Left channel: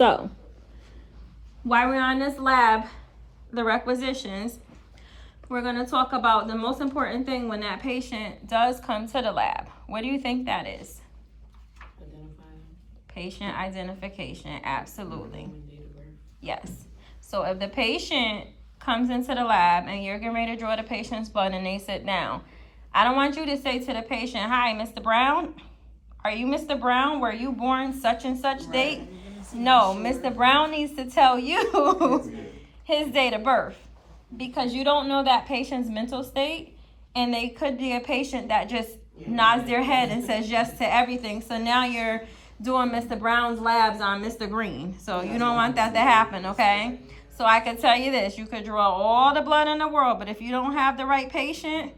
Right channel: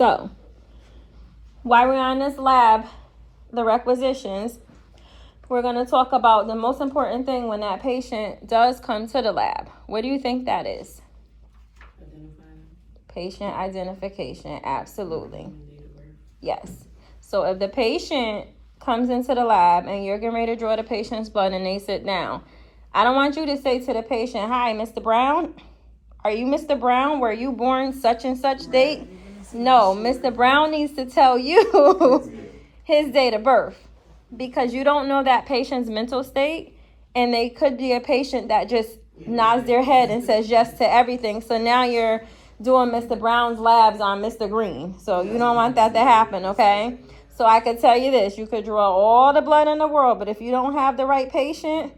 So, while we're on this lab, the requisitions, we're going to talk about the most important thing when that patient does come to the lab. What do you think that is? Identifying. Patient identification, absolutely. And date of birth. Yes. So if the patient comes into the lab and you're getting ready to draw the patient's blood and they sit down, I don't want you to say to the patient, "Hi, Mr. Brown. Are you Mr. Brown? Were you born such and such date?" No, Mr. Brown needs to tell you his date of birth, because you don't know that patient's mental state, and they could be a patient that just nods their head and says yes to everything. So now you're doing Mr. Brown's labs on Mr. Green. So you don't want that to happen, okay? So I could tell you this, you could draw all the blood in the world, but if you don't have the right patient,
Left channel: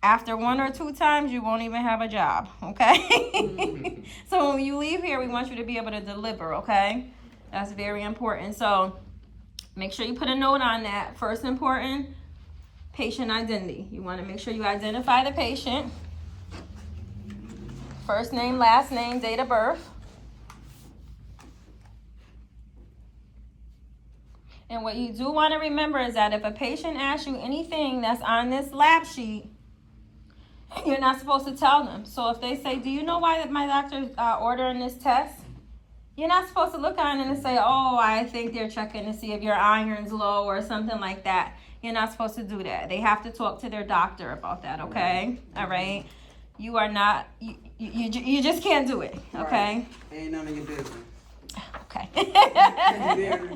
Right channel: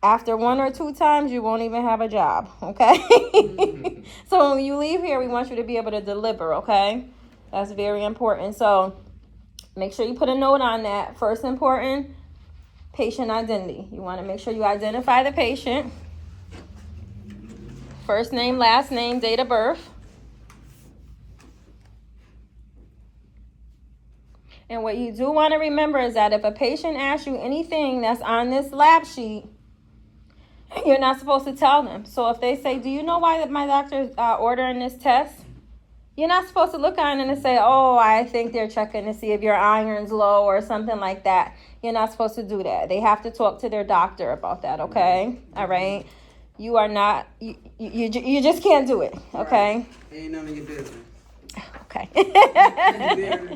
after 1 or 2 times, you won't even have a job, okay? So when you leave here, we want you to be able to deliver, okay? That's very important. So make sure you put a note on that. First important, patient identity. You want to make sure you identify the patient. First name, last name, date of birth. And what you do want to remember is that if a patient asks you anything that's on this lab sheet, you're not supposed to tell them. So if they say, "Do you know why my doctor's ordering this test?" You're not supposed to look on it and say, "Oh, I think they're checking to see if your iron's low," or something like that. You're not supposed to do that. They have to talk to their doctor about that, okay? All right? You are not, you just can't do it, okay? Ain't none of your business. Okay. You there?